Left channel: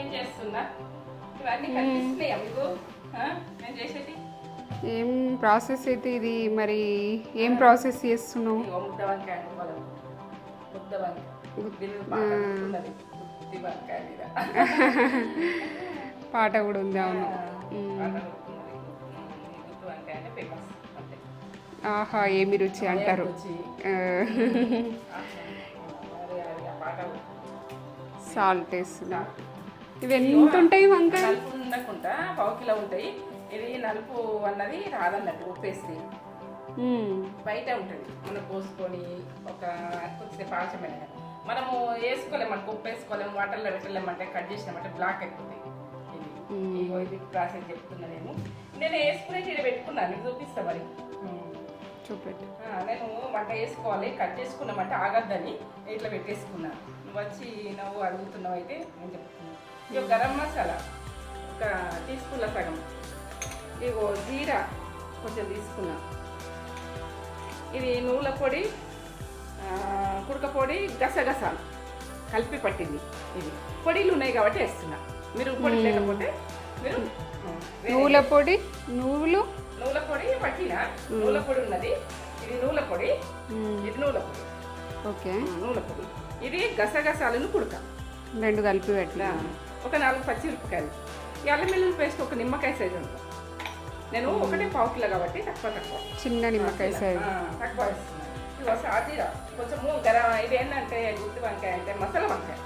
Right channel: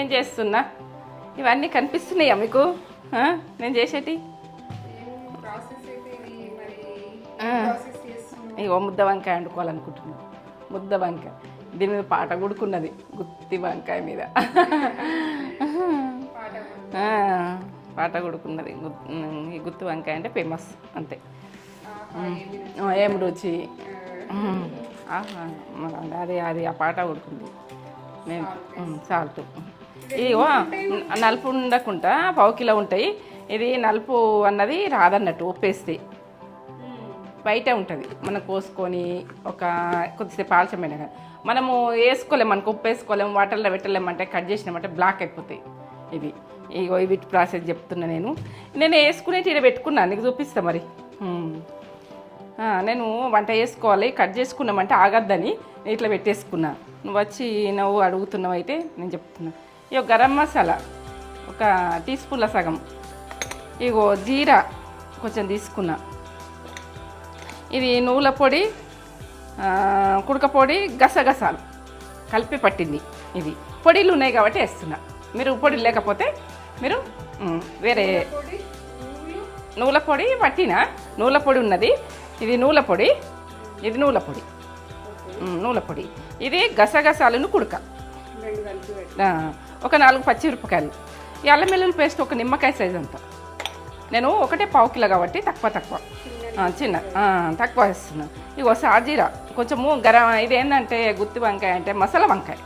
ఏం చేస్తున్నా ఇవన్నీ కనిపిస్తున్నాయా మీకు నేను చేసేటి ఏం ప్రాసెస్ అయితే ఇది మరి ఏం ప్రాసెస్ చేస్తున్నావు? ఇగో ముద్ద వంకాయ వండుకోవాలనుకుంటున్నా. ముద్ద వంకాయ దీని మీద పాట కొడుకున్నది, గుత్తి వంకాయ మీద పాట కూడా ఉందా? పాట కొడుకున్నది. ఈ గుత్తి వంకాయ అంటే ఫేమస్ అంతే. ఆహా, ఏమి రుచి ఏం రుచి. అది అది ఆ పాట కొడుకుంది. సాల్ట్ నలుపు ఉండకుండా పావు కిలో ఉంటాయి. ఇది నలుపు అన్నది రాదన్నట్టు ఉప్పేస్తే బయట ఉంటుంది. మనం కోసుకొని ఒక కొద్దిసేపు ఆలస్యమైన మనము వేసుకోలేము, మనకు ఉప్పు వేసుకోలేము, వాటర్లో పెట్టలేమంటే కట్ చేసినామంటే బ్లాక్ అయిపోతాయి. ఇది ఇవి ప్రాసెస్ చెప్తున్నా. నేను వేసుకునే తీర పెట్టుకున్నాను, నీకు చూపిస్తా మరి. నేను వంట చేసుకోవాలి, కట్ చేసుకున్నామంటే ఆగద్దని నేను ఇట్లా పెట్టేసుకున్నాను. నువ్వు వచ్చి నువ్వు అడుగుతున్నావు అయితే నేను చెప్తున్నా. ఇగో గరం మసాలా ఒక టీ స్పూన్ల సగం, ఇగో జీరా కొంచెం తీసుకున్నా, ఇది నువ్వుల పొడి, కుడక పొడి, గసగసాలు కలిపి పట్టింది. ఇది పొడిలు ఉన్నాయి కాబట్టి వేస్తున్నా. మీరు పొడి లేకపోతే మీరు వేరే పొడి, నువ్వుల పొడి పట్టిన నువ్వుల పొడి ఉన్నది. ఇది నువ్వుల పొడి, ఇది నువ్వుల పొడి, నువ్వుల పొడి. ఇది గసగసాలను కుడక రెండు కలిపి ఒక 4 పచ్చిమిరపకాయలు, అల్లం వెల్లుల్లి పేస్ట్ ఒక నిమ్మకాయ సైజ్ అంతా. నేను ఒకటే పావు కిలో కాబట్టి తక్కువ చిన్న తక్కువ వేస్తున్నాను. ఇగో సాజీరా కొంచెము ఇది ఏంటంటే గుత్తి వంకాయ అంటే మసాలా వంకాయ,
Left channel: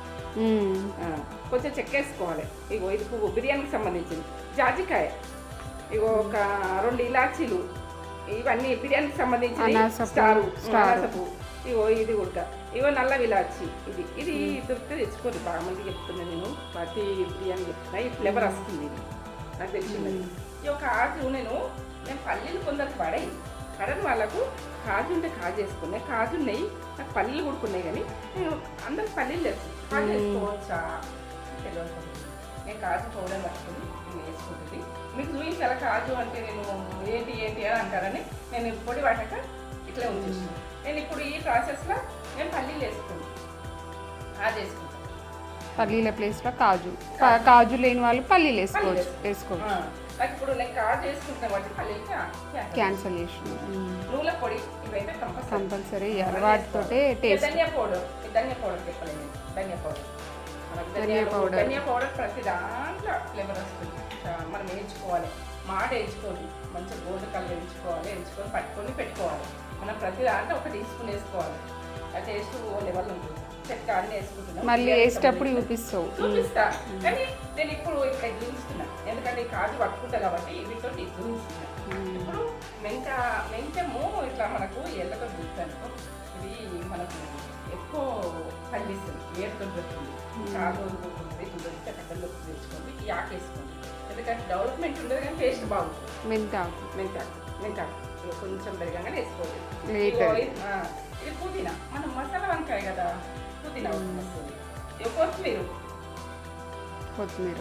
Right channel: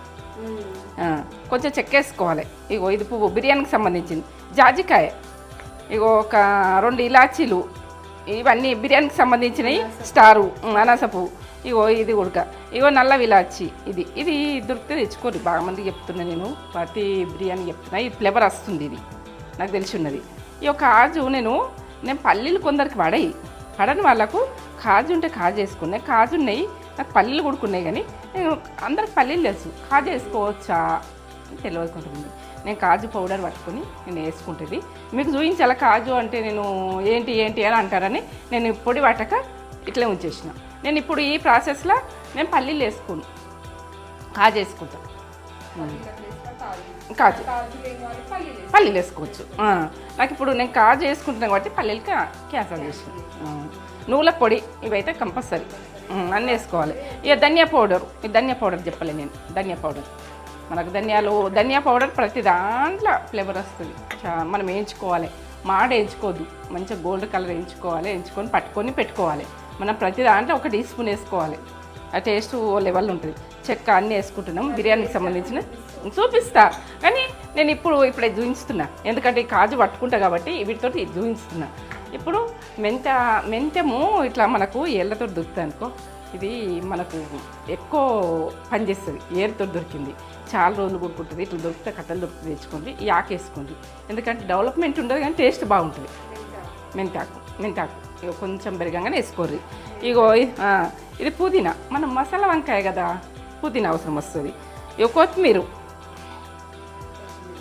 కొంచెం చెక్కేసుకోవాలి. ఇగో ఇది పువ్వు బిర్యానీకి సంబంధించింది. జాజికాయ, ఇగో ఒక 2 ఇలాచీలు, ఇవన్నీ బిర్యానీకి సంబంధించినవి. స్టారు, అనాస పువ్వు, ఇగో ఇది ఉడక, ఇగో నల్ల విలాచి. ఇది దొరికితే తెచ్చుకోండి. బాగా మంది చెప్తున్నా, నేను ప్రతి బిర్యానీ చెప్తున్నా. ఈ ఫ్లేవర్ వస్తుంది, ఇది నాకు తెలిసి ఉన్నది. ఈ కాజు నేను పల్లీలు కొందరికి పడని వాళ్ళకు కాజు ఉంటే కాజు వేసుకున్నాయి. కాజు ఉన్నాయి, నాకు పల్లీలు కొడుకున్నాయి, కానీ నేను అందరికి పల్లీలు తెలుసు. కాజు వేసుకోవచ్చా తెలియకుంటుంది. నేను కాజు పౌడర్ పట్టుకొని నేను వేసుకుంటుంది. మీకు చూపించాల కాజు అంటే నేను ఏంటి అని అంటారని నేను పొడి పట్టక ఇట్లే ఉంచేసిన. నేను ఇప్పుడు ఈ ప్రాసెస్లో నేను పల్లీలు వేసుకోను, కాజు వేసుకుంటాను. పల్లీల ప్లేస్లో కాజు లేని వాళ్ళు పల్లీలు వేసుకోవచ్చు. నాకు ఇప్పుడు నేను కాజు వేసుకుంటున్నాను కాబట్టి పల్లీలు క్యాన్సల్ చేసి. నువ్వుల పొడి ఇవైతే కంపల్సరీ అన్నీ వేసుకోవాలి. ఇక ధనియా పౌడర్ చెప్పలేదు నేను. ధనియా పౌడర్ మనకు ధనియా పౌడర్ ప్రతి దాంట్లో ఫ్లేవర్ వస్తుంది. మనం వేయించుకోవాలి, వేయించుకోవద్దు, మంచిగా గోల్డ్ కలర్ వేయించుకొని పట్టుకొని పెట్టుకోవాలి. మనం ప్రతి దాంట్లో 1 టీ స్పూన్ వేసుకోవాలి. ఆ టేస్ట్ లెవెల్ ఉంటుంది. చెక్క అన్నీ వేసుకుంటున్నాం. బిర్యానీకి సంబంధించిన చూపిస్తా, కానీ నేను ఇప్పుడే చూపిస్తున్నా, ఎందుకంటే కాజు పట్టుకుంటా కాబట్టి వీటితో చూపిస్తున్నా. ఇప్పుడు మెంతము ఇట్లా మనకు ఏళ్ళతో దొరుకుతుంది అనుకో, ఇది మనకు ఎక్కువ పనిచేస్తుంది. ఏరుతో దొరికింది, చాలా రోజులు కొనుక్కుంటుంది. ఇట్లా దొరికితే కట్టలు దొరుకుతుంది, తెచ్చుకోండి. ఈ ఆకు వేసుకోండి, ఎందుకంటే డెవలప్మెంట్ ఉండదు కానీ టేస్ట్ బాగుంటుంది. మెంతాకు కొంచెం పెరగంగానే వేసుకోరు. ఇగో ఇది పుదీనా, మనం మసాలా వంకాయ కదా, పుదీనా అవసరం వస్తుంది. ఇక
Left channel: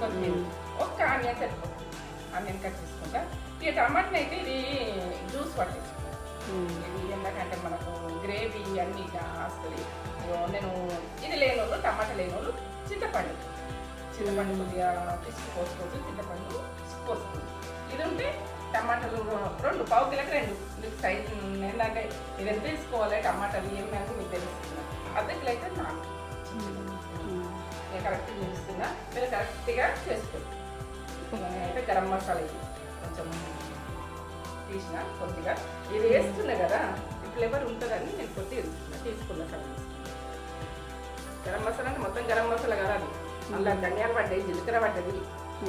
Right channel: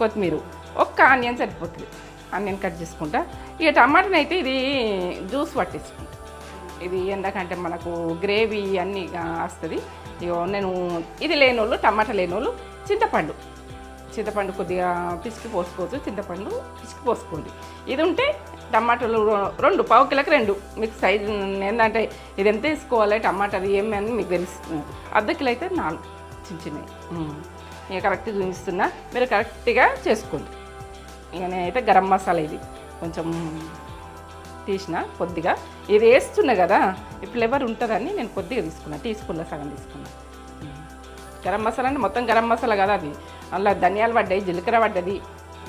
కొత్తిమీర ఒక్క ఆనియన్ సరిపోతుంది. ఆనియన్ కట్ చేసుకుంటా. ఇక టమాటాని అయితే ఇది జ్యూస్ పట్టించుకుంటాం. ఇది ఎందుకంటే మనకు గ్రేవీ అన్నీ వస్తుంది. ఇగో నేను ఇది లేనోళ్ళు, టమాటా లేనోళ్ళు చింతపండు కొద్దిగా పిసికి పోసుకోవచ్చు. చింతపండు పిసికి పోసుకోండి. ఇది ఉంటే టమాటాలు 2 పావు కిలోకి 2. మీకు సైజు ఏంటంటే ఇది ఎంత వేసుకోవాలి టమాటాలు ఏమని మీకు తెలుస్తుంది. అర్ధ కిలో అయితే 4 చిన్నవి. నేను కరెక్ట్గా చూపిస్తున్నా, మీరు కరెక్ట్గా చేసుకోండి. ఇక నేనైతే గరం మసాలా ఇది కొంచెం తీసిన కొద్దిగా, ఇది వేస్తున్నా కదా ఈ ఫ్లేవర్ ఉంటుందని నేను కొద్దిగా తీసుకున్నా. టీ స్పూన్ల సగం తీసుకున్నా. గరం మసాలా అంటే మొత్తం గరం మసాలా కదా, అది అలా ధనియాలు పడ్డాయి, జీలకర్ర పడ్డది,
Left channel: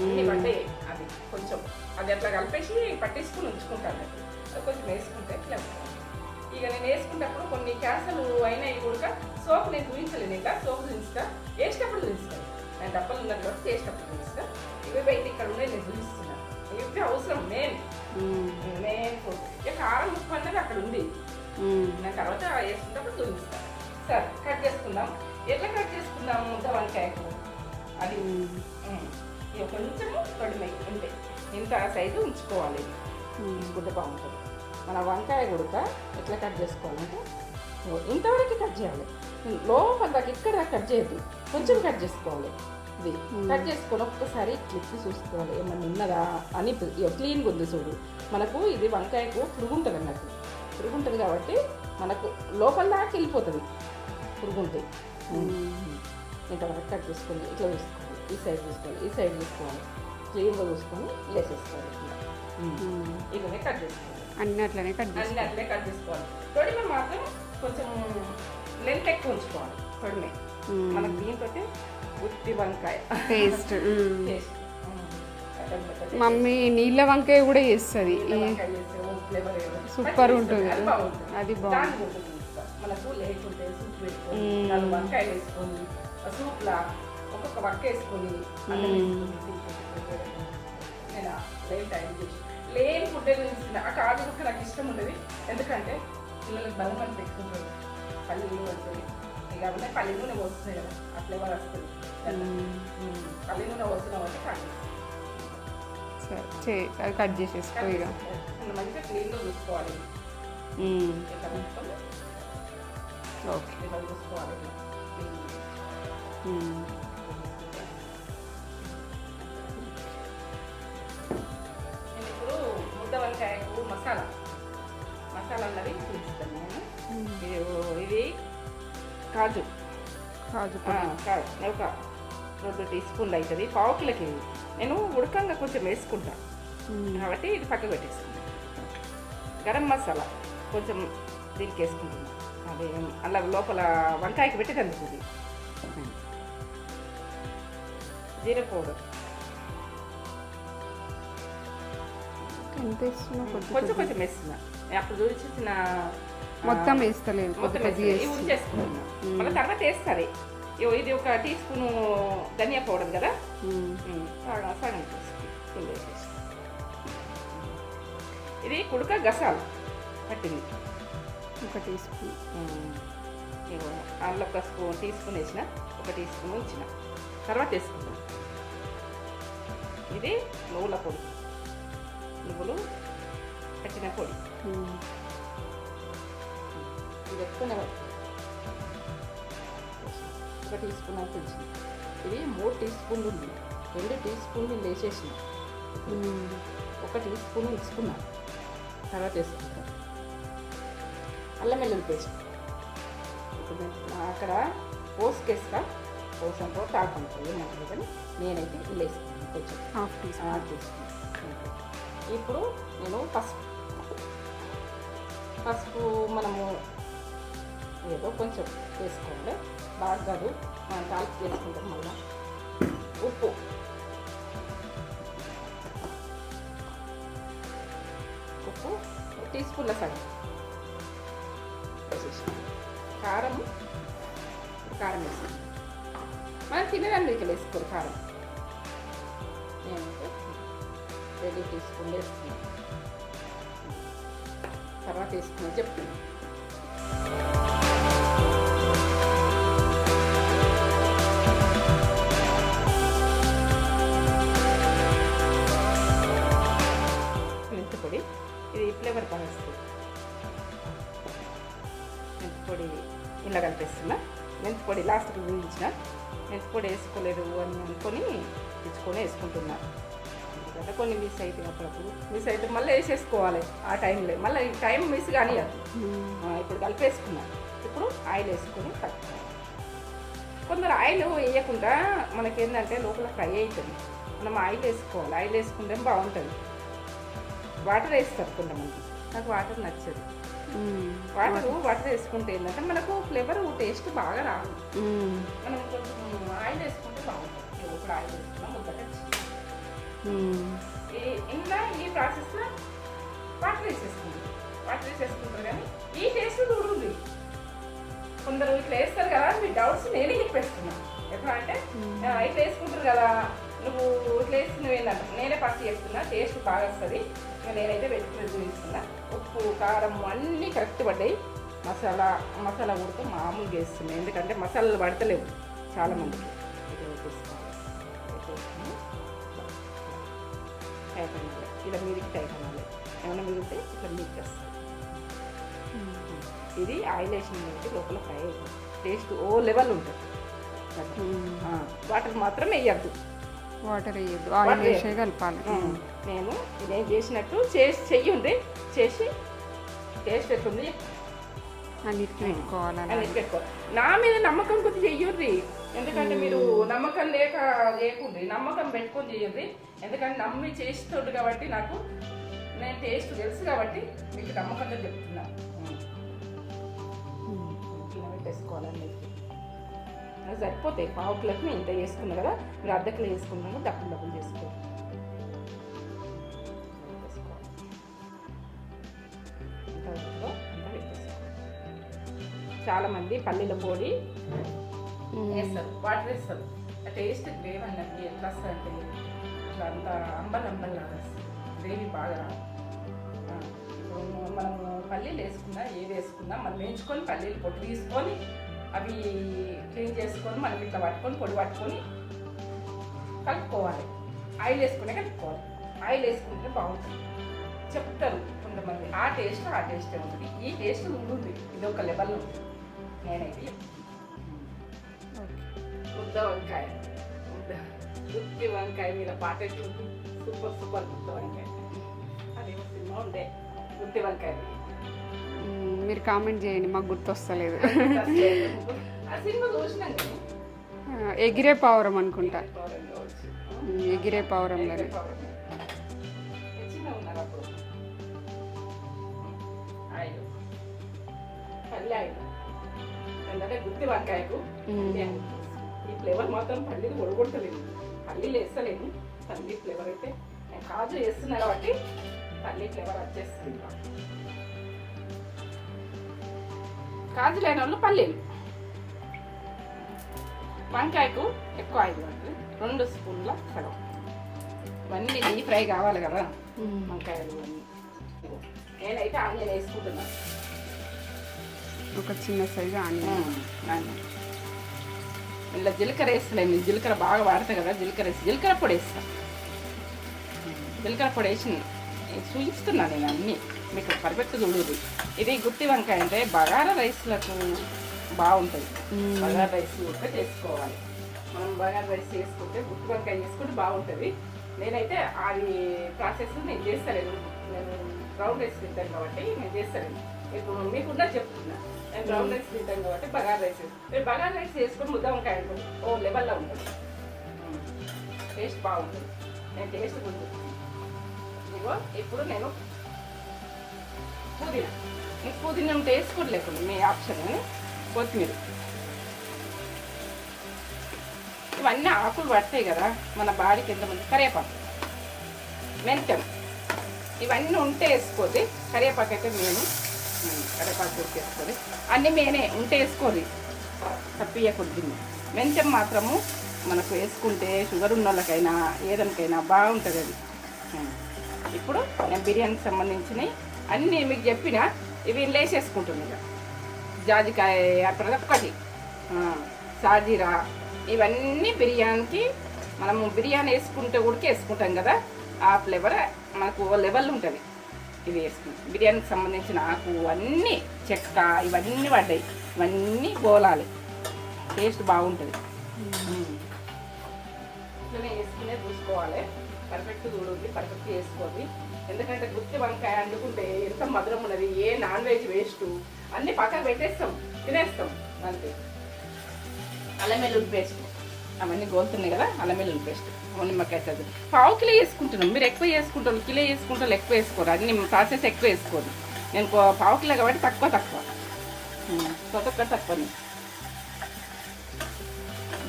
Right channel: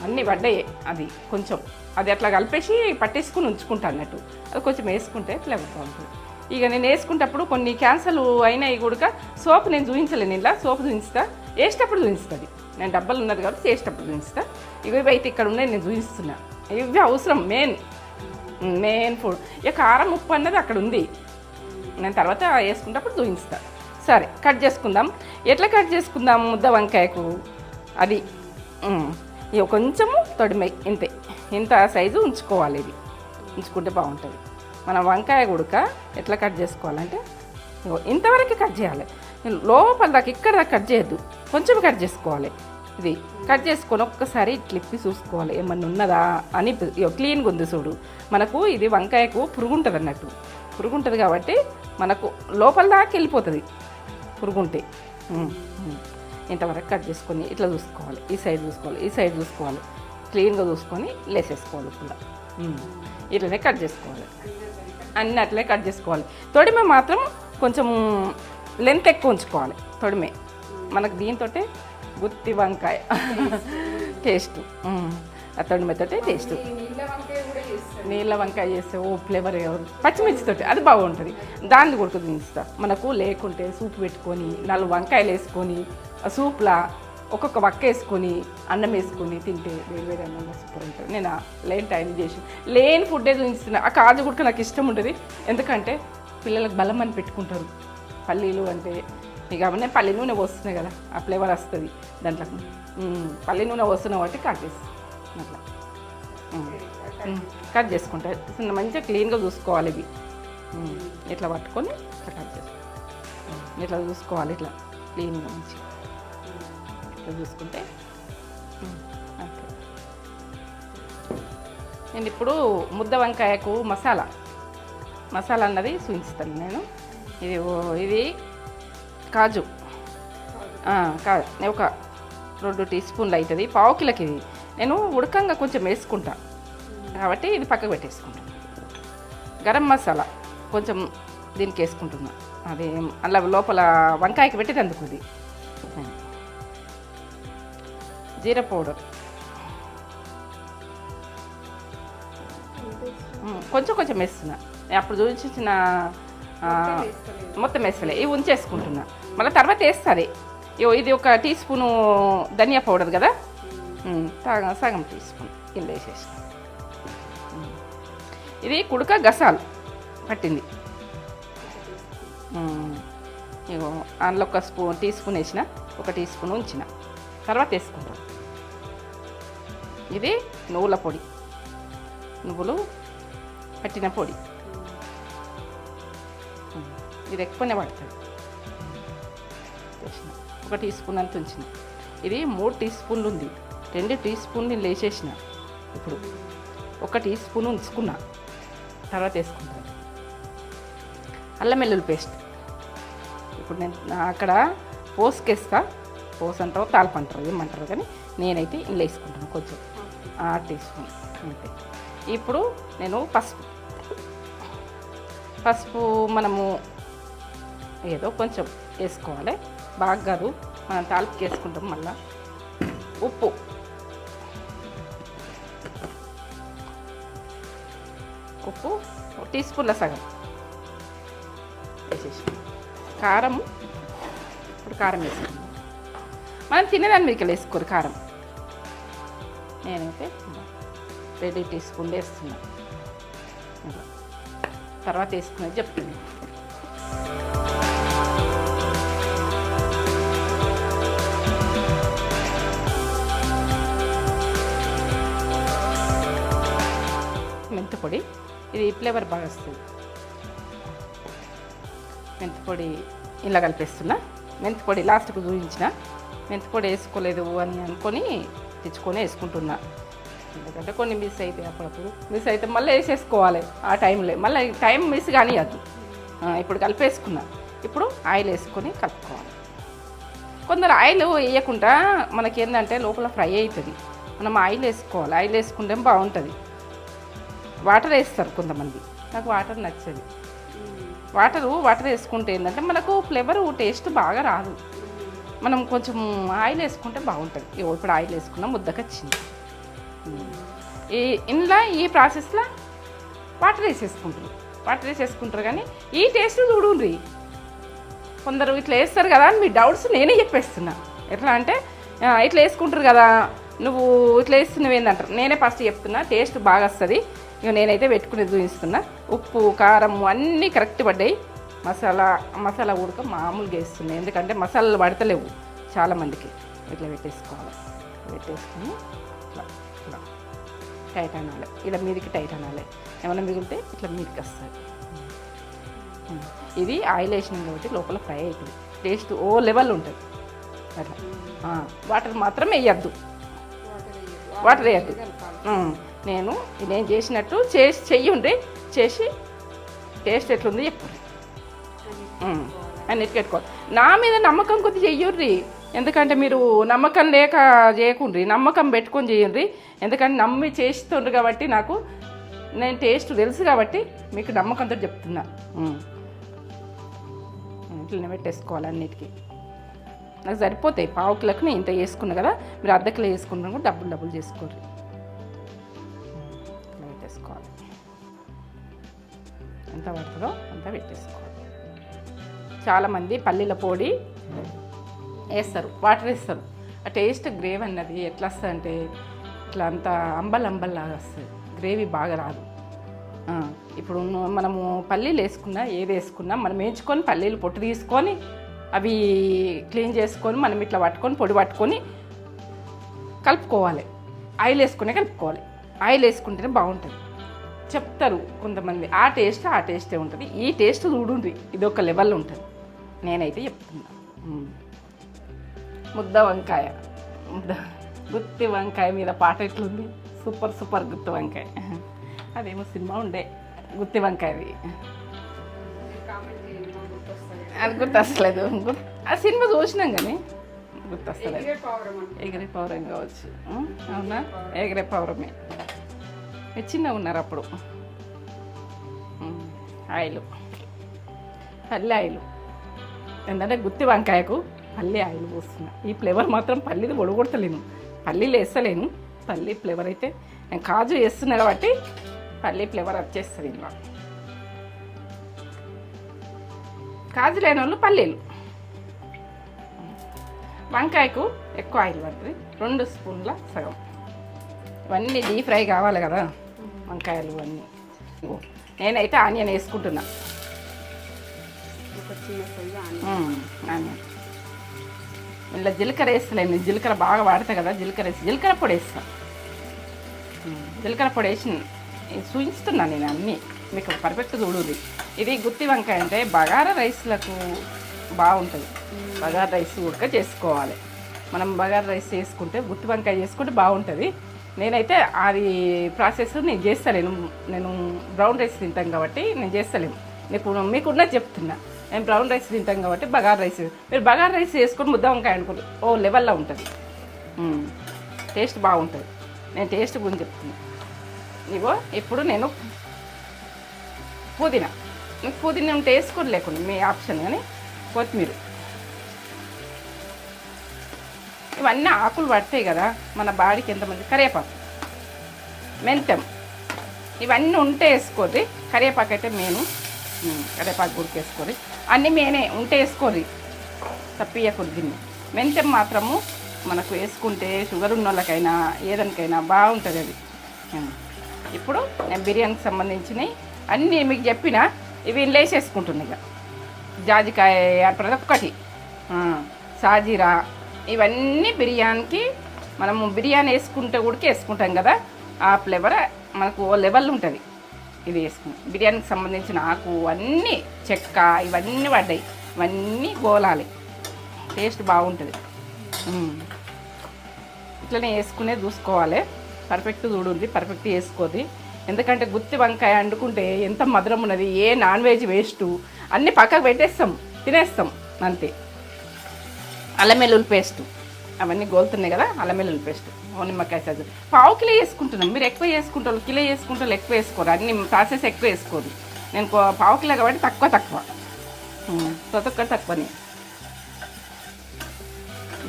అన్నీ పడ్డాయి. అది కొంచెం అది అట్లా కలిపేసి పట్టేసుకుని ఉంచుకుంటా అన్నట్టు. అది కొంచెం వేసుకుంటే ఫ్లేవర్ బాగుంటుంది. ఇక నేను వేసుకుంటప్పుడు కొన్ని క్యాన్సల్ అయినాయి కూడా. సోప్ నేను చూపించలేను, ఇలా సోప్ చూపిస్తా, వేసేటప్పుడు చూపిస్తుంది. నేను డబ్బాలు ఉన్నది కాబట్టి చేసేటప్పుడు చూపిస్తా. ఇవి అయితే ఇక్కడ ఉన్నాయి, నేను చూపిస్తున్నా. ఇవి అవసరం, మెయిన్ ఫుడ్. ఇక కారం ఉప్పు అన్నది అక్కడ ఉంది, నేను తర్వాత వేసుకుంటప్పుడు చూపిస్తా. సరే, కట్ చేసుకుందాం. ఎట్లా కట్ చేసుకుందాం ముద్ద వంకాయకు? అది ఇక కొంచెము తొడిమై ఇంత సైజు ఉంచుకోవాలి. ఇది ఉంచుకుంటే బాగుంటుంది. మనం వంకాయ గుడక ఎట్లా కట్ చేసుకోవాలంటే ఇంతవరకు కట్ చేయాలి. లోపల దాకా ఇక్కడ దాకా కట్ చేయొద్దు, కొంచెం కట్ చేసుకోవాలి. ఇది కట్ చేసుకొని ఒక్కసారి ఇట్లా ఇప్పి చూసుకోవాలి ఏమన్నా ఉన్నదా అని. క్లీన్గా ఉంది చూడు. మనకు ఇది వంకాయకు పురుగు ఉంటుంది అన్నట్టు, పురుగు ఉంటుంది కాబట్టి మనకు లోపల దాకా వెళ్ళిపోతుంది పురుగుంటే. ఇంతవరకు కట్ చేసుకొని ఇట్లా చూసుకోవాలి, ఈ సైడ్ చూసుకోవాలి, ఈ సైడ్ చూసుకోవాలి, క్లీన్గా చూసుకొని లేసేసుకోవాలి. ఇట్లనే కట్ చేసుకోవాలి, అన్నీ అట్లనే కట్ చేసుకోవాలి. తొడిమే మాత్రం కొంచెం లెంత్ ఎక్కువ ఉంచుకోవాలి. తొడిమే మనకు దీంతో గుత్తి వంకాయ టేస్ట్. తొడిమెతోటి నీళ్ళ వంకాయ కూడా చేస్తుంది. నీళ్ళ వంకాయ చేస్తే ఓ ఫ్లేవర్ పచ్చిమిర్చితోటి అది బాగుంటుంది. దాన్ని కొడుతుంది ఇస్తా. మనకు లేకుంటే సూప్ పెట్టుకొని 4 వంకాయలు వేసుకొని సూప్లా ఒక్కొక్క వక్క వేసుకొని అన్నం వేసుకొని తింటే వేరే అన్నం సూపర్ ఉంటుంది. నేను లేని టైం చేసి లేని ఫుడ్డే చూపిస్తున్నా. ఆ కాజు కూడా నాకు ఇష్టం ఉంటుంది. ఎందుకంటే పిల్లలకు బలం అని పెట్టుకుంటారు. పల్లీలు అంటే ఇక అవన్నీ పల్లి నూనె పోస్తున్నాయి కదా, ఆ ఫ్లేవర్ వస్తుంది దాంట్లో. పల్లి నూనె పోస్తున్నావు అంటే కట్ చేసుకుంటే మంచిగా క్లీన్గా చూసుకోవాలి. ఇది ఇట్లా పట్టుకొని ఇట్లా చూసుకోవాలి. ఇట్లా క్లీన్గా మంచిగా ఇట్లా చూసుకుంటే. నేను ఇప్పుడు ముద్ద వంకాయకు మసాలా అన్నది చూపిస్తాను నేను. ఇది కాజు ఒక 2 టీ స్పూన్లు అవుతుంది. 1/2 కిలోకి ఇది నేను ఉడకంగా కొంచెం వేసుకుంటా కాబట్టి ఇది పక్కకు పెట్టేసుకుంటాను. గరం మసాలా కొంచెం దీనికి వేసుకుంటున్నా. అది అలా లోపల వంకాయకి పెట్టి అందుతుంది. జీరా పౌడర్ కొంచెం వేస్తున్నా. అప్పుడు చూపించిన మొత్తం వేస్తలే, ఇవి ఉంచేసుకుంటున్నా. మళ్ళీ తర్వాత వేస్తుంది. ఇది 1 టీ స్పూను ధనియా పౌడర్ కదా, సగం టీ స్పూన్ కింద వేసేసి. ఇది కుడక గసాలు పట్టింది. అందులో 1 టీ స్పూన్ వేసిన, 1 టీ స్పూన్ ఉంచిన, తర్వాత వేసుకుంటాం. ఇది నువ్వుల పొడి, నువ్వులు పట్టిన పొడి. ఇది ఎక్కువనే పడుతుంది. 1 టీ స్పూన్ అంత ఉంచిన. ఇది 3 టీ స్పూన్లు ఉంది. 2 టీ స్పూన్లు నేను వేసేసిన. 1 టీ స్పూన్ ఉంచుకున్నా, తర్వాత వేసుకుంటాను. అల్లం వెల్లుల్లి పేస్ట్ ఇప్పుడు నేను అక్కడ పోసుకేస్తా. పోసు అంటావు తాలింపు అంటారు ఏమంటారు, కానీ నేనైతే ఇంట్లో వేసుకుంటాను కొంచెం 1 టీ స్పూన్. ఇప్పుడు నేను పసుపు మనము ఏదో కొంచెం వేసుకోవాలి, బాగా కాదు, మనం తాలింపుకి వేసుకుంటాం. మళ్ళీ ఉప్పు టీ స్పూన్ల సగం వేసేసి, కారం ఇప్పుడు కారం వేసుకుంటాం. మనం తినేదాన్ని మీకు వేసుకోరు కారం. నేనైతే 2 టీ స్పూన్లు వేస్తున్నాను. తర్వాత వేసుకున్నది చెప్తాను. మెంతిపొడి, ఇది ఫ్లేవర్ బాగా వస్తుంది. మెంతిపొడి ఇలా కలిపేస్తున్నా. మెంతిపొడి లాస్ట్కు చూపించిన. మెంతిపొడి వేసుకోలేదు అని అనుకొని తెచ్చుకొని వేసుకుంటున్నా. ఎందుకంటే కొన్ని మిస్ అయితే అప్పుడప్పుడు మిస్ అయితే మళ్ళీ వేసేసుకోవాలి ఆ టైంలో. మళ్ళీ టైం మిస్ కానీ అది ఇప్పుడు కలిపేసుకున్నా. ఇప్పుడు ఆయిల్ వేసుకొని కలుపుకోవాలి. కొందరు ఆయిల్ వేయకుండా మనకి ఏంటంటే లోపల ఫ్రై అవుతుంది. మనం ఆయిల్ వేసుకోవాలి. ఆయిల్ వేసుకుంటే బాగుంటుంది. వాటర్ వేస్తారు కొంతమంది, నాకు వాటర్ నచ్చేది. వాటర్ వేసుకుంటే ఏంటంటే మనకు ఫ్లేవర్ టేస్ట్ బాగా రాదు. మనం కొంచెం ఆయిల్ వేసుకుంటే బాగుంటుంది. ఇప్పుడు ఆయిల్ వేసుకున్న ముద్దకు వచ్చింది. ఇందులో ఈ ప్రాసెస్లో వాటర్ వేసేసుకుంటారు కానీ ఈ టేస్ట్ చూడండి. కొందరు ఇట్లా వేస్తారు కదా అని మీ డౌట్స్ నేనే చెప్పేస్తున్నా. ఎట్లా అంటే ఇట్లా వేసుకుంటారు కదా, నువ్వు ఇట్లా వేస్తున్నవి ఏంటంటారు. నేనే ఫస్ట్ చెప్తున్నా, టేస్ట్ బాగా వస్తుంది. ఇక నేనైతే పెట్టుకునేది చూపిస్తున్నా. ఉప్పు కారం అన్నీ కరెక్ట్ పడ్డాయి. మసాలా ఉడక మామూలుగా వేస్తుంది. ఎందుకంటే మసాలాలు పడతలేవు చాలామందికి. ఇట్లా పెట్టేసుకోవాలి. పెట్టేసుకుని టైట్ అనాలి. ఇలా మీదికి టైట్ అనాలి. ఏమైనా మిగిలితే ఇట్లా మీదికి వస్తుంది. ఇది ఆయిల్ వేసిన కాబట్టి లోపల ఫ్రై అవుతుంది. టేస్ట్ ఓ లెవెల్ ఉంటుంది. వాటర్ మాత్రం వేయద్దు. వాటర్ వేయదు, వాటర్ వేసి వేయద్దు. కలపాలి. నేను చేసినట్టు చేసి చెయ్యండి, చేసి టేస్ట్ ఎట్లుంది చెప్పండి. అన్నిటి పెట్టుకోవాలి. నా మీద నమ్మకం కొద్ది చెయ్యుర్రి, ఎందుకంటే మీరు నమ్మకం లేక చేయకుండ్రి, నమ్మకం పెట్టుకొని చేయండి. ఎందుకంటే నమ్మి చేస్తుండ్రు కాబట్టి నాకు నేను టేస్ట్ తెలుసు కాబట్టి మీకు నమ్మకంతో చెప్తున్నా. ఇట్లనే పెట్టేసుకోవాలి అన్నిటికీ. నాకు సరిపోతాయి. పావు కిలోకి నేను ఇంత వేసుకున్నా కదా, మీరు అర్ధ కిలో వేసుకున్నాను డబ్బులు చేసుకోండి. పెట్టేసుకోవాలి, ఎంత పడుతుందో అంత పెట్టేసుకోవాలి. చాలామంది పల్లీల పొడి వేస్తారు, వాటర్ వేస్తారు. ఆ టేస్ట్ గ్రేవీ అన్నది ఎట్లా వస్తుంది అంటే ఇట్లా అంత అంబల్లాగా వస్తుంది, గ్రేవీ బాగా రాదు. ఇప్పుడు మనము పల్లీలు వేసుకున్నా ఏది వేసుకున్నా మనం వేయించుకొని పల్లీలు పొట్టు తీసుకొని అవి క్లీన్ చేసుకొని మనం ఇట్లా పట్టుకొని పొడి పట్టుకొని కలుపుకోవాలి. ఆయిల్ వేసుకునే కలుపుకోవాలి. ఆయిల్ వేసుకుంటేనే బాగుంటుంది చెప్తారు కొంతమంది. ఆ టేస్టే ఉంటుంది. ఈ టేస్ట్ చూడుంది, ఇది ఒక లెవెల్లో ఉంటుంది. నేనైతే చెప్తున్నా. గుత్తి వంకాయ మీద పాట ఎట్లుంది, సూపర్ గుత్తి వంకాయ. అదేమో సినిమా ఉండే గుత్తి వంకాయది, మీరు కామెంట్ చేయండి, మాకు గుర్తొస్తలేదు. గుర్తొస్తలేదు. ఆ సినిమా చూసినాం కానీ ఎగిరే పావురం అనుకో, ఎగిరే పావురం కావచ్చు. ఎగిరే పావురమే. చిన్నగా ఉన్నారు అప్పుడు. ఆయిల్, పల్లి ఆయిల్ ఏంటంటే గుత్తి వంకాయకు పల్లి ఆయిల్ పోస్తున్నా. ఈ ఫ్లేవర్ మాత్రం పల్లీది పొడగొడతలేను, పల్లీలు వేస్తలేను. పల్లి ఫ్లేవర్ అయితే నేను కాజు వేస్తున్నా కాబట్టి పల్లి ఫ్లేవర్ వచ్చేస్తుంది. ఇలా కాజు లేని వాళ్ళు పల్లీలు. వంకాయకు ఎక్కువ ఆయిల్ పడుతుంది, 2 స్పూన్ల సగం. ఇవన్నీ డీప్ ఫ్రై కావాలి కదా వంకాయలు అన్నీ. నేనైతే ఆనియన్ వేసుకుంటున్నా, ఒక చిన్న సైజు ఆనియన్. ఇలా జీలకర్ర వేస్తలేను, జీలకర్ర బాగా వాడతా కదా, జీలకర్ర పొడి వేస్తాను. జీలకర్ర పొడి వేసి చూపిస్తున్నాను నేను అన్నీ మీకు పర్ఫెక్ట్ చూడుది. ఇది గుత్తి వంకాయ అంటే బగారా రైస్లకు బాగుంటుంది. బగారా రైస్ కూడా చేసుకోవాలి. మనం బగారా రైస్ చేసుకుంటే గుత్తి వంకాయ చేసుకుంటే బాగుంటుంది. నేనైతే అది ప్రాసెస్ నేను చేస్తలేను. నేను బ్రౌన్ రైస్ తింటాను కాబట్టి నేను చేస్తలేను. ఇప్పుడు మీకున్నది చెప్తున్నా. నేను బ్రౌన్ రైస్ తింటాం కాబట్టి బగారా రైస్, మీరు బగారా రైస్ వేసుకొని ముద్ద వంకాయ అనుకోండి, ఓ లెవెల్లో ఉంటుంది, టేస్ట్ బాగుంటుంది. నేను టేస్ట్ గురించి చెప్తున్నా. ఇగో ఇప్పుడు నేను పుదీనా ఉంటే వేసుకొని, లేకుండా మీ ఆప్షన్. కానీ కొత్తిమీర, ఇవన్నీ ఆకులు పడతాయి కదా మన బాడీకి. ఎంతమంది కరివేపాకు, మెంతం, ఇవన్నీ ఉంటే వేసుకోది. కరివేపాకు అయితే మేము కరివేపాకు గుడికేసుకోరి, అన్నీ మేమే ఉంటే వేసుకోరి, తప్పియకూడదు గిన్నె. మెంతం మాత్రము మనకు వేసుకుంటే షుగర్ ఉన్న వాళ్ళకైనా ఏదానికైనా బాగుంటుంది అది. ఇప్పుడు నేను బిర్యానీకి సంబంధించినవి అన్నీ మీకు చెప్పిన ఇవి వేసేసుకుంటున్నా. జాజికాయ ప్రతి ఒక్కటి, సాజీరా, ఇవన్నీ బిర్యానీకి మనము బిర్యానీ వేసుకుంటే ఉడికి వేసుకుంటాం కదా, ఆ ఫ్లేవర్ మనకు ఓ లెవెల్ ఉంటుంది. ఇది వేసుకుంటాం. బిర్యానీకి సంబంధించిన ఆకు అన్నీ, చెక్క, ఇవన్నీ పడ్డాయి. ఇవన్నీ గోలాలి, టేస్ట్ బాగుంటుంది. ఇట్లనే వేసుకునే చూసుకోవాలి. పర్ఫెక్ట్ చూడుంది, పర్ఫెక్ట్ వేసుకోది. ఎందుకంటే గుత్తి వంకాయ వండుకుంటే ఎంత మధురం ఉన్నది. ఏ నాన్ వెజ్ వేస్ట్ అన్నీ పక్కకు పెట్టేస్తాం, తినేస్తాం అంతే. అల్లం వెల్లుల్లి పేస్ట్ అవన్నీ గోలుతున్నాయి కదా, అల్లం వెల్లుల్లి పేస్ట్, నిమ్మకాయ చదువు. పావు కిలో వేసుకుంటున్నాం. మీరు ఎక్కువ వేసుకుంటారు, కిలో వేసుకుంటారు, ఎక్కువ వేసుకోరు. అన్ని ప్రాసెస్ ఎక్కువ వేసుకోరు. నేను పావు కిలో కాబట్టి తక్కువ ప్రతి ఒక్కటి తక్కువని.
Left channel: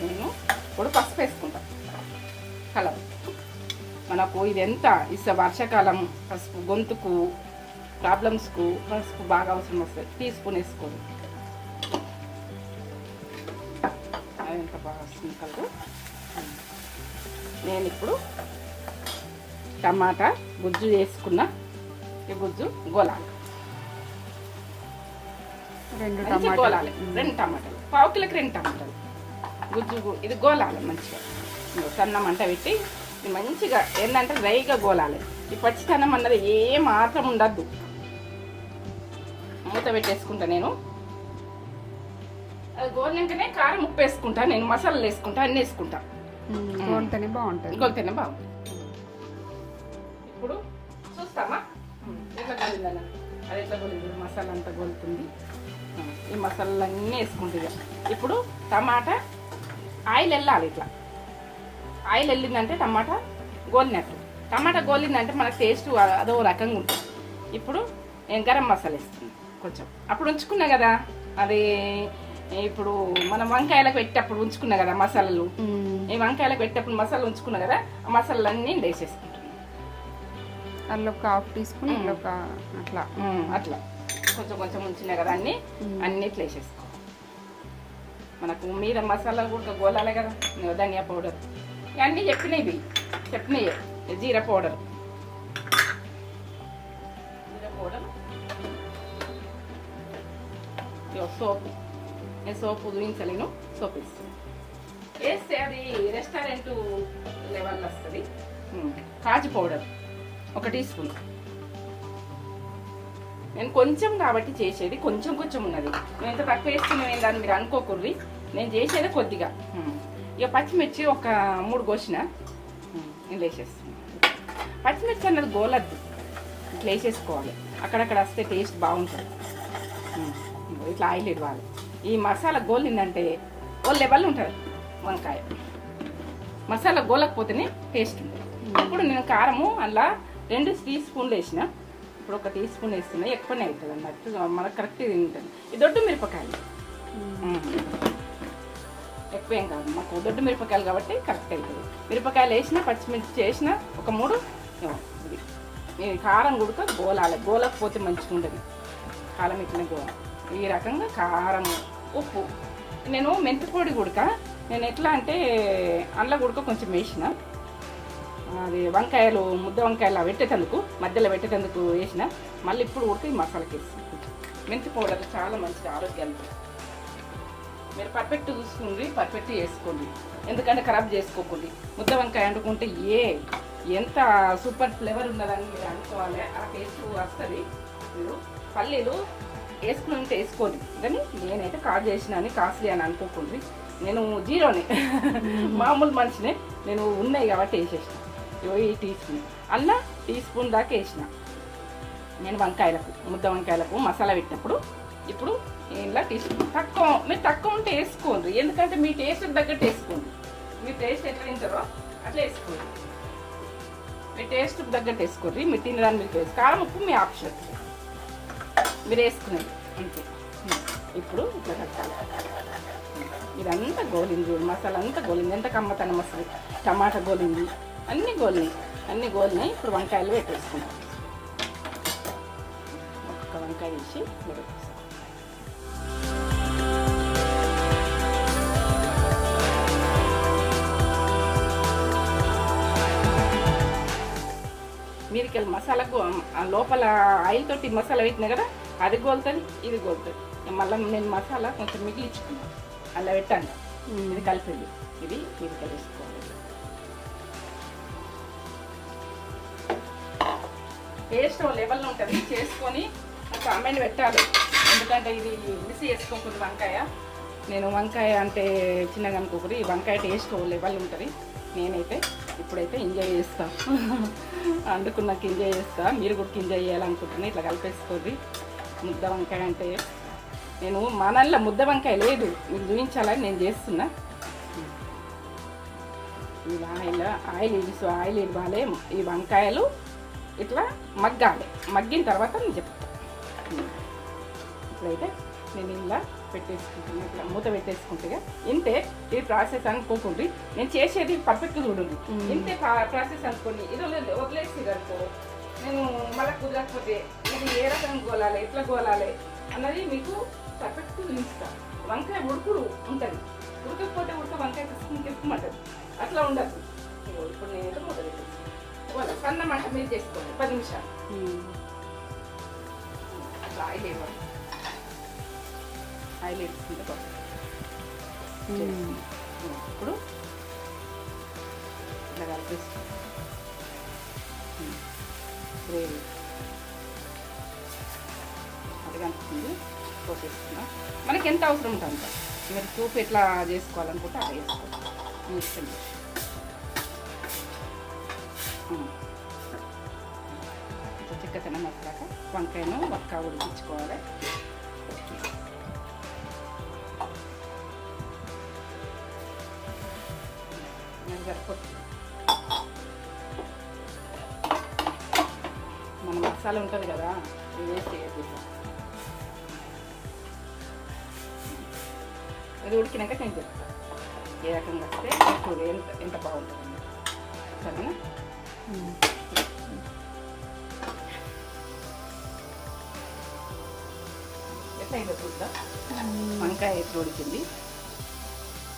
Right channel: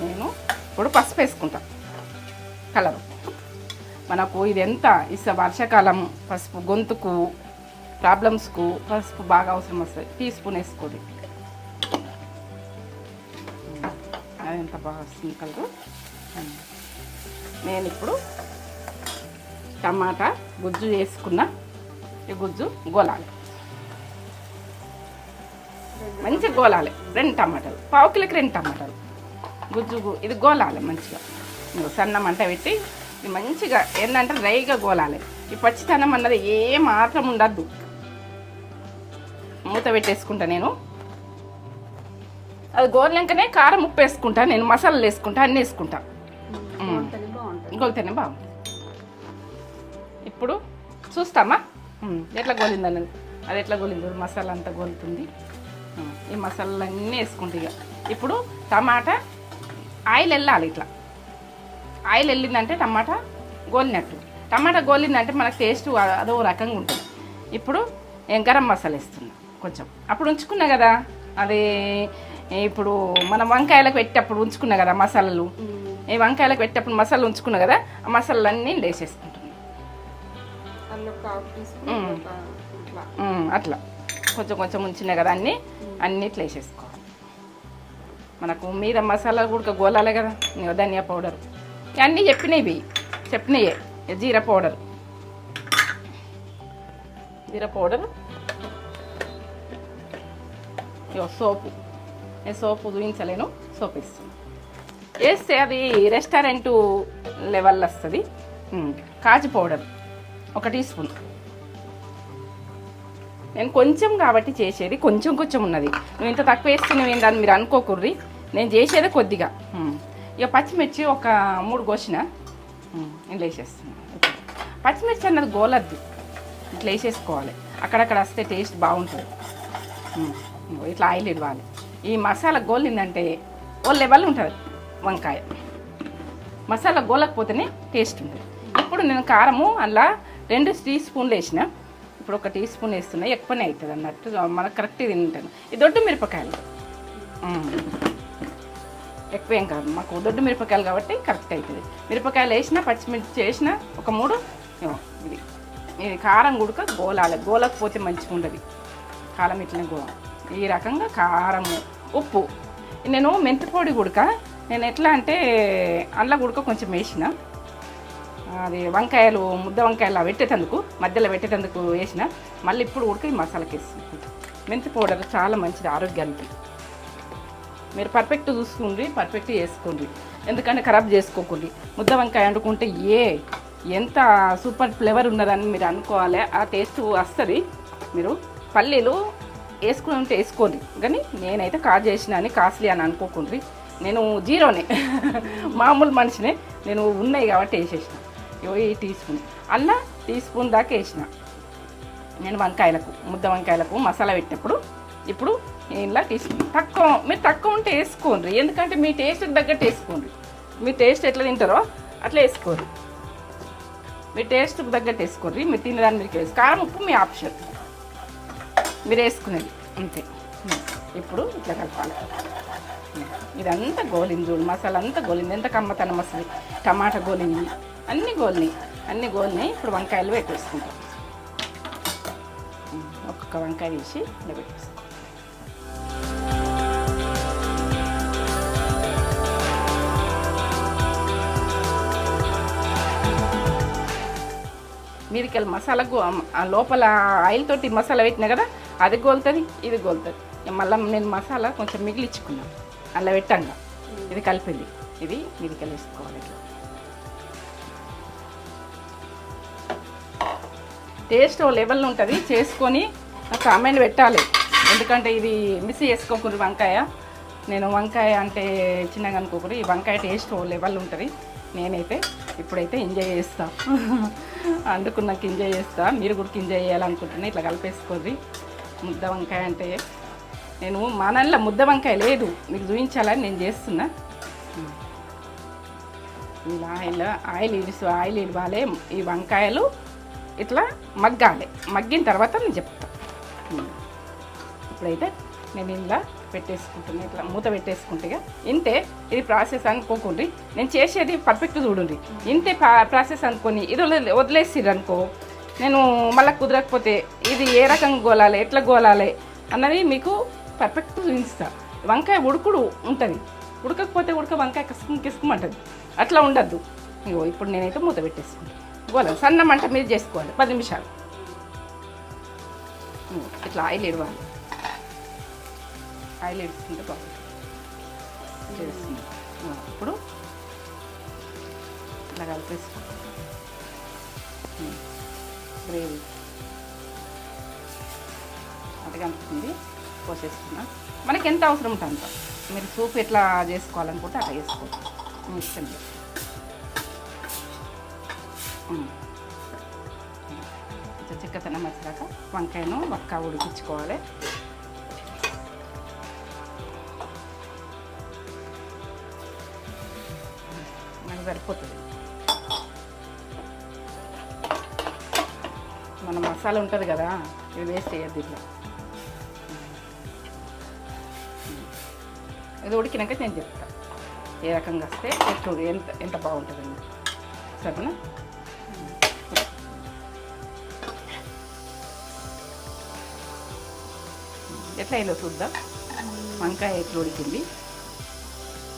నేను ఇప్పుడు పసుపు వేసుకుంటాను. కలర్ మనకు ఇది ఎంత వర్షాకాలం పసుపు గొంతుకు ప్రాబ్లమ్స్కు పసుపు బాగా అవసరం వస్తుంది. టీస్పూన్ వేసుకోండి. ఎంత బాగా వస్తుంది కలరు. నేను ఇప్పుడు టమాటా గుజ్జు వేసుకున్న, ఈ గుజ్జు గోలాలి, మంచిగా గోలాలి. 2 టమాటాలు, పావు కిలోకి 2 టమాటాలు గుజ్జు. ఇది గోలాలి మంచిగా. సన్న మంట పెట్టి మంచిగా ఏంటంటే డ్రైగా గోలాలి. ఈ పచ్చితనం అన్నది ఏ మాత్రం ఉండద్దు. మూత పెట్టేసుకుంటా నేను. అది గోలినాకనే కారం ఉప్పు వేసుకుంటా, నేను మసాలాలు వేసుకుంటా, అన్నీ వేసుకుంటా. గోలితేనే బాగుంటుంది. గోలితేనే బాగుంటుంది. ఇప్పుడు చూస్తామా ఎట్లా గోలిందని. అది ఎట్లా గోలిందో మసాలా అంతా గోలుతుంది. ఈ మసాలాలన్నీ వేసుకుంటే ఇక ఇప్పుడు టమాటా ఆయిల్ వెళ్ళాలి. ఇట్లా ఆయిల్ వెళ్ళిందంటే టమాటా గోలినట్టు. టమాటా గోలిందంటే మనకు టేస్ట్ అదో రకంగా ఉంటుంది. ఇప్పుడు గరం మసాలా వేస్తుంది కొంచెం. అప్పుడు ఉంచుకున్నా కదా, అది ఇప్పుడు మనం వంకాయలకు పెట్టేటప్పుడు ఉంచుకున్నా కదా మసాలాలు, ఈ వంకాయలకు పెట్టేటప్పుడు మసాలా ఉంచుకున్నా కదా, ఆ మసాలాలన్నీ వేసేసుకుంటున్నాం. అందులో ఒక హాఫ్ టీ స్పూన్ అట్లా అట్లా కొంచెం కొంచెం ఉంచినాయి కదా, అన్నీ ఇట్లా వేసేసుకో. మనకు మీద మసాలా కూడా గోలాలే కదా, ధనియా పౌడర్ అన్నీ చెప్పినాయి. జీరా పౌడర్, సోపు. నేను సోపు చూపించలేను, సోపు వేస్తాను. వేస్తే అది రెస్టారెంట్ లెవెల్ వస్తుంది. కాజు పౌడర్ 1 టీ స్పూన్. నేను కొంచెం కాబట్టి చేసేది కొంచెం ఉన్నది. నేను ఇంత తక్కువ వేస్తున్నాను ఏంటని మీరు అనుకోకూర్రి, నేను చేసేదే కొద్దిగా. ఇక పచ్చిమిర్చి ఒక 3 కోసిన ఇంట్లో వేసేస్తున్నాను. పచ్చిమిర్చి అన్నది గోలద్దు, ఇట్లా వేసేసుకోవాలి. అక్కడక్కడ వస్తే టేస్ట్ బాగుంటుంది. ఇట్లా ఆయిల్ ఇవ్వాలి. ఈ మసాలా గోలిందంటే ఓ లెవెల్ ఉంటుంది వంకాయ. మసాలా గోలకపోతేనే టేస్ట్ ఉంటుంది. ఇప్పుడు నేను కారము అలా 2 టీ స్పూన్లు వేసిన. ఇప్పుడు 1 టీ స్పూన్ వేస్తున్నా, ఎక్కువనే అవుతుంది అన్నట్టు మనకు కరెక్ట్ తింటాను. ఈ దొడ్డు మిరపకాయలు ఎక్కువేం కాదు, మాకు దొడ్డు మిరపకాయలు కాబట్టి కరెక్ట్ అవుతుంది. మిరపకాయలు వేసిన, పచ్చిమిర్చి వేసిన, ఒక 3 ఇది కారం గుడక గోలాలి. గోలకపోతే మంచిగా ఉండదు కారం, ఇట్లనే గోల. ఈ రకంగా కారము, ఉప్పు. నేను మెంతిపొడి గుడక నేను ఎట్లా అంటే అందులో గుడక కొంచెం వేసిన, అది వంకాయలు ముద్ద వంకాయలు పెట్టేటందుకు మధ్యలో పెట్టేటందుకు వేసిన. మళ్ళీ ఇప్పుడు ఉడికి ఈ మసాలాకి వేస్తుంది. మెంతి పౌడర్ చాలా మంచిది ఆరోగ్యానికి. మీరు పర్ఫెక్ట్ చూసుకోండి, పర్ఫెక్ట్ చేసుకోండి, ఎందుకంటే ఖరాబ్ చేసుకోకండి. ముద్ద వంకాయ వండుకుంటే ఎంత సూపర్ ఫ్లేవర్ ఉన్నదని మీరు అనుకోవాలి. ఆ టేస్ట్ వస్తుంది. మీరు పల్లీలు వేసుకుంటే వేసుకోండి, కానీ నేనైతే చేసిన అని కాస్ట్లీ అని అనుకోకండి. నేను జీరోనే మామూలు మనిషినే. నేను ఉన్నాయి కాబట్టి వేసేసిన. ఈ టీ స్పూన్ అలా టీ స్పూన్ దాకా వేసిన నేను వంకాయలకు, ముద్ద వంకాయలకు మసాలా పెట్టినప్పుడు. ఇప్పుడు ఇలా టీ స్పూన్ తక్కువ, మీరు తక్కువ ఉంటే వేసుకోండి, ఎందుకంటే మీ టేస్ట్ తగ్గట్టు వేసుకోండి. మీ టేస్ట్ ఎట్లా తింటారో అట్లా వేసుకోండి. మీ టేస్ట్ తగ్గట్టు వేసుకోండి. మీరు తినడానికి మీకు వేసుకో. కారం ఉప్పు మీ ఆప్షన్, మీరు వేసుకునేది అంతే. ఇప్పుడు ఇట్లా కలపాలి. ఇదంతా గోలింది, మసాలా అంతా గోలింది. ఎంత కమ్మతన మసాలా, టమాటా గోలింది, అన్నీ గోలినాయి. ఇప్పుడు వంకాయలు పెట్టేసుకుంటాం. ఒక్కొక్క వంకాయ తీసి ఇలా పెట్టేస్తాం. మీరికెళ్ళి మసాలాకు లోపల ఆయిల్ తోటి మసాలా పెట్టినా కదా, అది గోలుతుంది, ఇది గోలుతుంది. మళ్ళీ నేను మసాలా కొంచెం మిగిలించుకున్నాను, అలా పెట్టాను. ఇది కలిపింది, ఇది మీరికెళ్ళి వేసుకోవాలి. టేస్ట్ లెవెల్ ఉంటుంది. చేసుకొని కామెంట్ పెట్టాలి, ఎందుకంటే ఇది మిస్ చేసుకోకూడదు. వంకాయ నేను వంకాయ అంటే చిన్నగా అనుకోకూడదు. ఈ వంకాయ టేస్ట్ లెవెల్ ఉంటుంది. నేనైతే ఇప్పుడైతే ఎంజాయ్ చేస్తా, అందుకున్నాక ఎంజాయ్ చేస్తా. మీరు కూడా ఎంజాయ్ చేయాలనుకుంటున్నాను. ఇట్లా కలిపేసుకోండి. ముద్ద వంకాయ అంటే నేను మనల్లో ముద్ద వంకాయ లేదు, మీకు చూపించాలని నేను చేస్తున్నా. ఆయిల్ ఇవ్వాలి. ఈ వంకాయలు ఇట్లా మగ్గాలి. మగ్గిన తర్వాత నేను చెప్తాను. ఇప్పుడైతే నేను ఇలా పెట్టేసుకుంటున్నాను, ఇట్లా మూత పెట్టేసుకుంటే. ఇంతే ఇది ప్రాసెస్ అనుకోకండి. నేను చేసేది పర్ఫెక్ట్ చూడండి. ఇంతే ప్రాసెస్ అనుకొని ఇది వదిలేసిర్రు అనుకో, నేను మళ్ళీ కుదరకపోతే ఇది ఏ రకంగా గోలాలి, ఎట్లా గోలాలి అన్నది మీకు పర్ఫెక్ట్ చూపిస్తాను. వంకాయ ఉడుకుడు ఉంటుంది, ఉడకకపోతే వంకాయ కిసుకుమంటుంది. అట్లా ఉండద్దు. ఇగో ఇప్పుడు నేనైతే మూత పెట్టేస్తాను. గోల సన్న మంట మీద చేసుకోవాలి 10 నిమిషాలు. ఇట్లా ఆయిల్ ఇవ్వాలి. ఆయిల్ వేసుకుంటే ఇప్పుడు ఇట్లా కలిపేసుకో. గ్రేవీ అది కనుక్కుంది పోసేసుకున్నాం. మనకి ఎంత అవసరం ఉంటుంది అంత. మీరు సూప్ ఎట్లా చేసుకోవాలనుకుంటే అట్లా చేసుకోవచ్చు మీ ఇష్టం. కొంచెం చిక్కతనం వచ్చాక వంకాయను ఒక్క ఉడికించుకోవాలి. మనకి సరిపోతుంది. మన మసాలా ఉంటుంది కదా, ఇవి వేస్ట్ చేయద్దు. ఇట్లా ఇది ఉడికినాక నేను చెప్తాను ఏ రకంగా వస్తే చూడు ఎంత ఎంత బాగుంటుంది. సరేనా? ఎట్లా అయినా చూద్దాం. వంకాయ ఎట్లా ఉడికింది.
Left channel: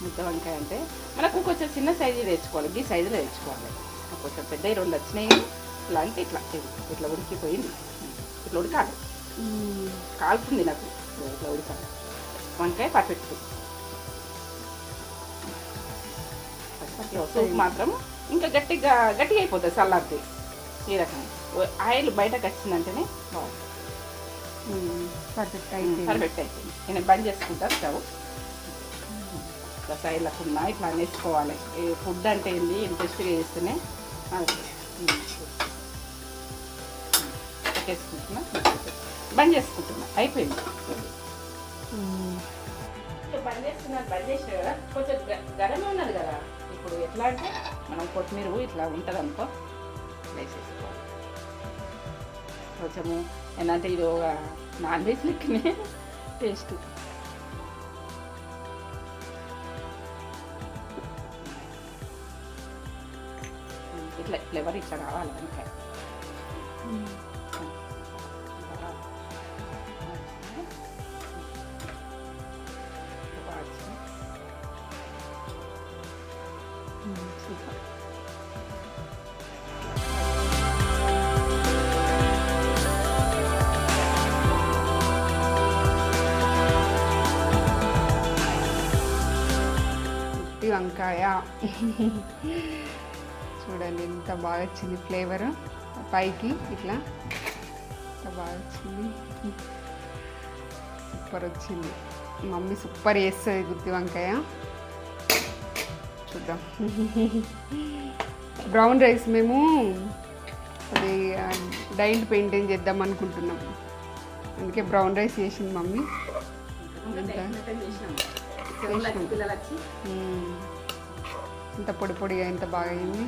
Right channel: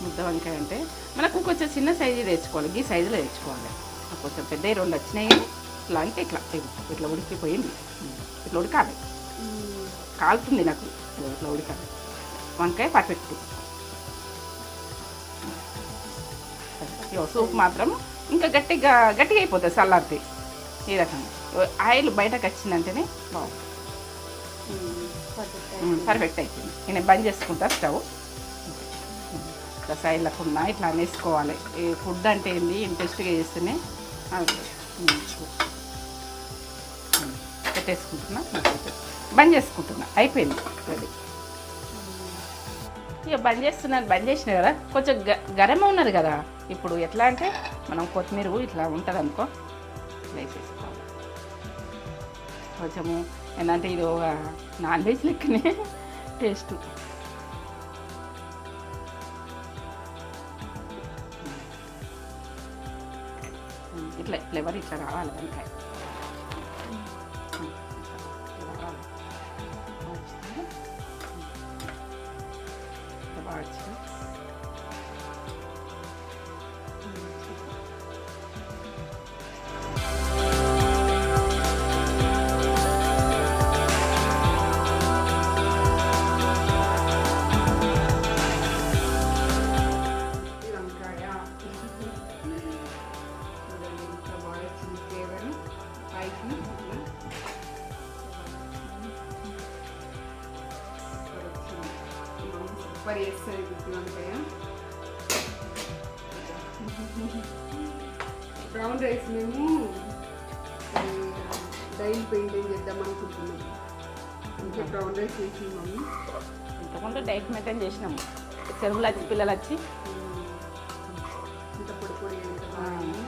ముద్ద వంకాయ అంటే మనకు కొంచెం చిన్న సైజు తెచ్చుకోవాలి. ఈ సైజులో తెచ్చుకోవాలి. కొంచెం పెద్ద 2 వచ్చినాయి. ఇట్లా అంటే ఇట్లా ఇట్లా ఉడికిపోయింది. ఇట్లా ఉడకాలి. కాలుతుంది నాకు ఇట్లా ఉడకాలి. వంకాయ పర్ఫెక్ట్. సూప్ మాత్రం ఇంకా గట్టిగా అయిపోతుంది చల్లారితే. ఈ రకంగా ఆయిల్ బయటకు వచ్చిందంటేనే బాగుంటుంది. పర్ఫెక్ట్ అయిపోయింది. నేను బంద్ చేసుకుంటా స్టవ్. సైడ్లకున్నా ఇట్లా వేసుకోవాలి. ఫుడ్ అంటే ఏంటి ఇంట్రెస్ట్గా చేస్తేనే పెట్టేసుకుంటున్నా, బంద్ చేసుకుంటున్నా. అయిపోయింది. ఇక బంద్ చేసిన కదా, కొంచెం గరం ఉన్నది కదా. ఇప్పుడు ఎట్లా అంటే మనం కొత్తిమీర ఇట్లా ఉంటుంది అనుకో, వేసేసుకోవాలి. కొంచెము ఏంటంటే ఇది నాన్ వెజ్ లెక్కనే టేస్ట్. ఇట్లా ఫ్లేవర్ ఇట్లా రావాలి వంకాయ. వంకాయ చూడండి ఎంత బాగా వచ్చింది. ఫ్లేవర్ పైకి ఇట్లా బాగా వచ్చింది. సూపర్ వచ్చింది. మమ్మీ సూపర్ చేస్తుంది గుత్తి వంకాయ. చూద్దాం. బ్రౌన్ రైస్ మేము అది డైట్ మెయింటైన్ చేద్దాం అనుకుంటున్నాం. అందుకే బ్రౌన్ రైస్ చేసింది మమ్మీ. డైట్ మెయింటైన్ చేసినాం. చెరువులు పిల్లలు వచ్చి ఇంత పొడి పొడిగా ఎంత బాగా అయింది.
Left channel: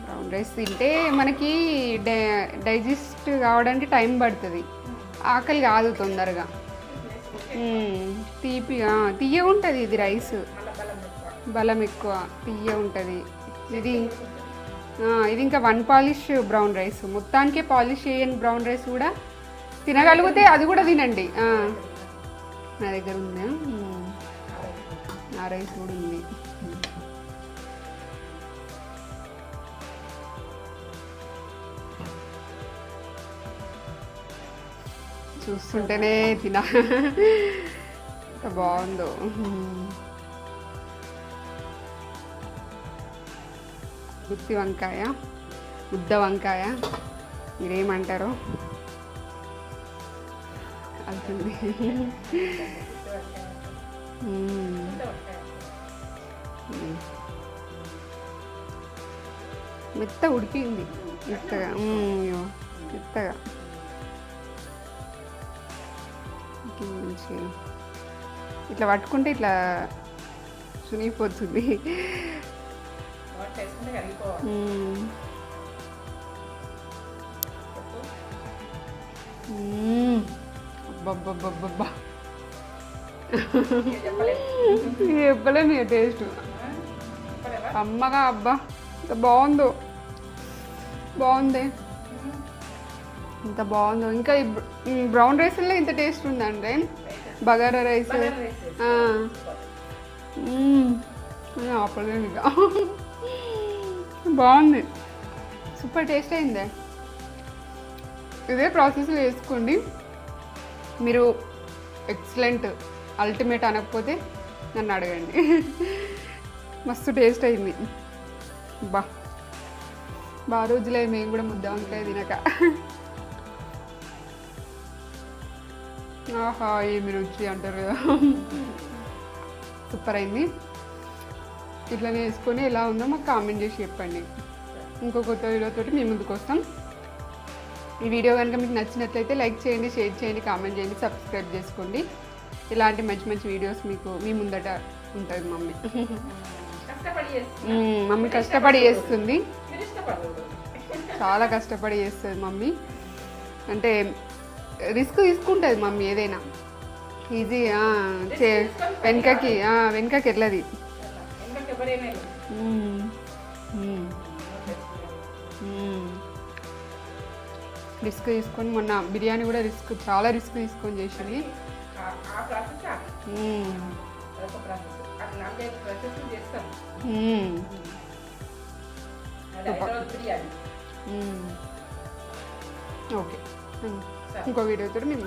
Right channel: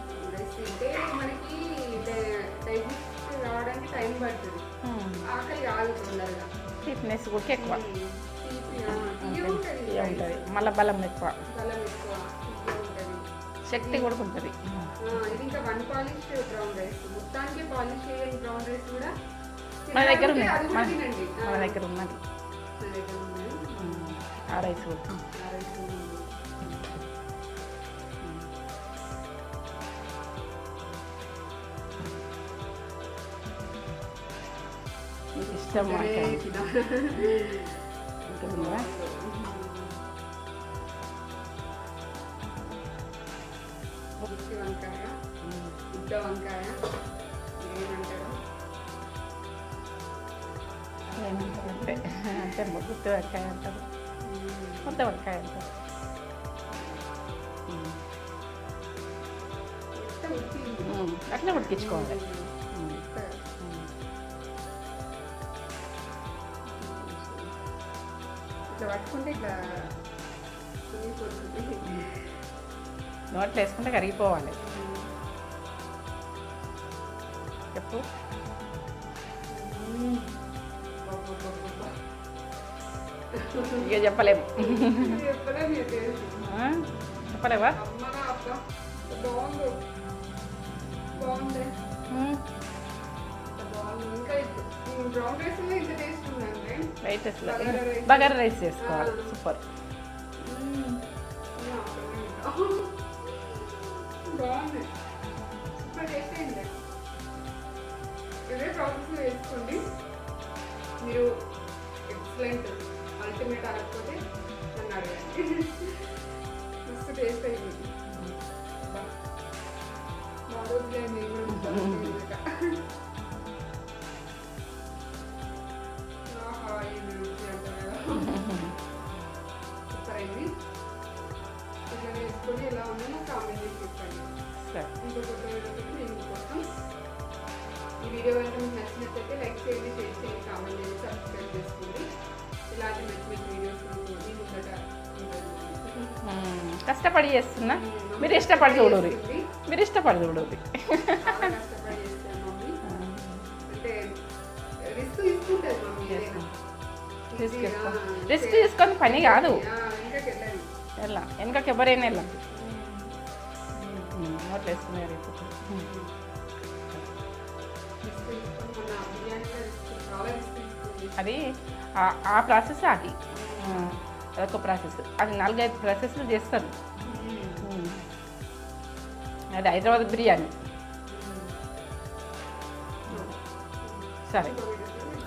బ్రౌన్ రైస్ తింటే మనకి డైజెస్ట్ కావడానికి టైం పడుతుంది. ఆకలి కాదు తొందరగా. తీపిగా తీయగా ఉంటుంది ఇది రైస్. మళ్ళీ బలం ఎక్కువ తీయ ఉంటుంది. ఇది ఇంకా 1 పాలిష్ బ్రౌన్ రైస్. మొత్తానికే పాలిష్ చేయని బ్రౌన్ రైస్ కూడా తినగలిగితే అది కూడా తినండి. నా దగ్గర ఉందా? ఆ రైస్ కూడా ఉంది. చూస్తుంటేనే తినా బాగుందో. గుత్తి వంకాయ, ముద్ద వంకాయ, మీరేమంటారు? మెత్త ఉడికింది. మెత్తగా ఇట్లా పట్టుకుంటే ఇట్లా చునిగిపోతుంది. నోట్లో వేసుకుంటే కరిగిపోవాలి. చెప్పు. చెప్పలేము టేస్ట్. చెప్పలేవా? అమ్మగా అబ్బా బాగుందో. బాగుంది. ఇంత బాగుందో. ఇంకా బ్రౌన్ రైస్లో ఇంత టేస్ట్ ఉందంటే బగారా రైస్. ఆపలేదు ఇంకా. బాగుంది. సూపర్ టేస్ట్ అయింది. ఇదే ప్రాసెస్ వేసుకోండి. మీరు ఎక్సలెంట్ అల్టిమేట్ అనకపోతే నన్ను అడగండి. మస్తు టేస్ట్ అయింది. బాగా రోజులే మేము కూడా ముద్ద వంకాయ తినక. ఆహా ఏమి రుచి అంటారు కదా. సూపర్ అయింది. ఇట్లనే వేసుకొని ఎలా ఉందో మాకు కామెంట్ చేసి చెప్పండి. ఇంకో కొత్త వీడియోతో మీ ముందుకు వస్తాం. ఈ వీడియో కనుక మీకు నచ్చినట్లయితే లైక్ చేయండి, షేర్ చేయండి, కామెంట్ చేయండి, సబ్స్క్రైబ్ చేసుకోండి. ఇలాంటి మంచి మంచి వీడియోస్ మీకు మీ ముందట ఉంటుంది మమ్మీ. కష్టపడి చేస్తున్నా, మమ్మీ మీరు కష్టపడి ఇష్టపడి చేస్తుంది. మీరు ఇష్టపడి చూడండి. చాలా కష్టపడి చేస్తుంది మమ్మీ. అంటే రిస్క్ తీసుకుంటుంది మమ్మీ ఏదైనా. ఈజీ Risk తీసుకొని పని కాదు. వెనకకి వెళ్ళది. వెనకకి ఎవరైనా రిస్క్ తీసుకొని మొన్న బిర్యానీ కూడా చాలా రిస్క్ తీసుకొని చేసి అది ఆ ప్రాసెస్ అది అదొక ప్రాసెస్. అది 4-5 ప్రాసెస్లు చేస్తాను. అది హైదరాబాద్ బిర్యానీ. ఓకే సరే ఇంకో వీడియోతో మీరు